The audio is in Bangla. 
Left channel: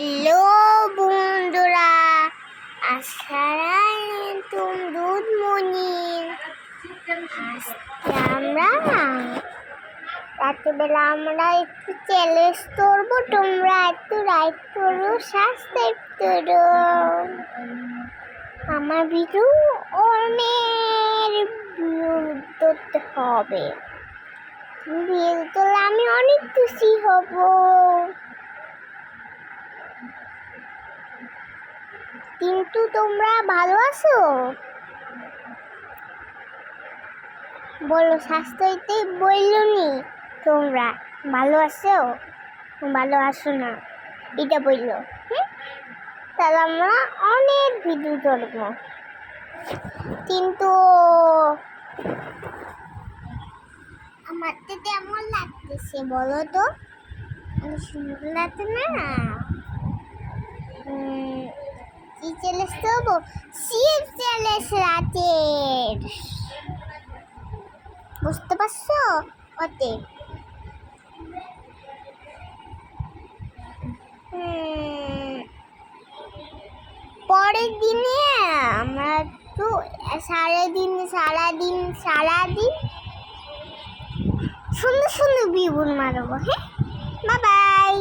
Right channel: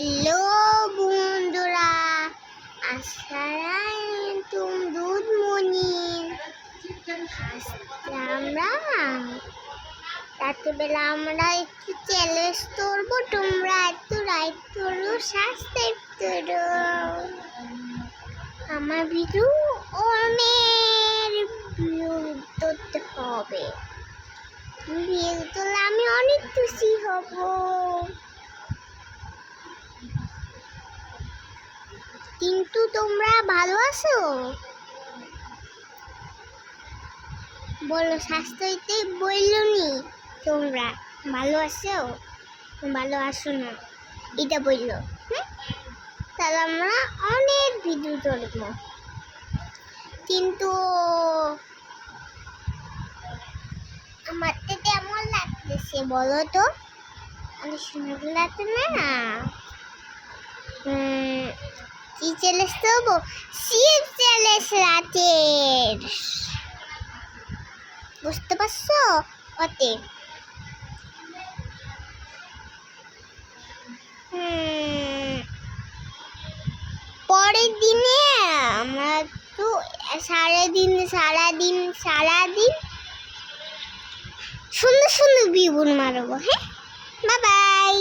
হ্যালো বন্ধুরা, আসসালামাইকুম গুড মর্নিং। আজকে আমরা রাত্রিবেলা একটু চ্যালেঞ্জ করবো, তোমরা একটু লাইক করো, সাবস্ক্রাইব করো। আমার ভিডিও অনেক ভিউ করতে হবে, ভিউ করলে আমি অনেক খুশি হব। কিন্তু তোমরা ভালো আছো? বলো, স্বাস্থ্যতে বললো নি তোমরা ভালো আছো? ভালো আছো না এটা বললো। তাহলে আমরা অনেক ভিডিও করবো। কিন্তু আমার তো কেমন লাগতেছে বলো তো? অনেক সুন্দর লাগছে না? কি চ্যালেঞ্জ করবো? শিব চ্যালেঞ্জ রাতের, বুঝতে পারছো? ওতে পরের দিনে আমরা তো সারাদিন সুন্দর সুন্দর বিবুন মারবো। হ্যাঁ, বাই বাই।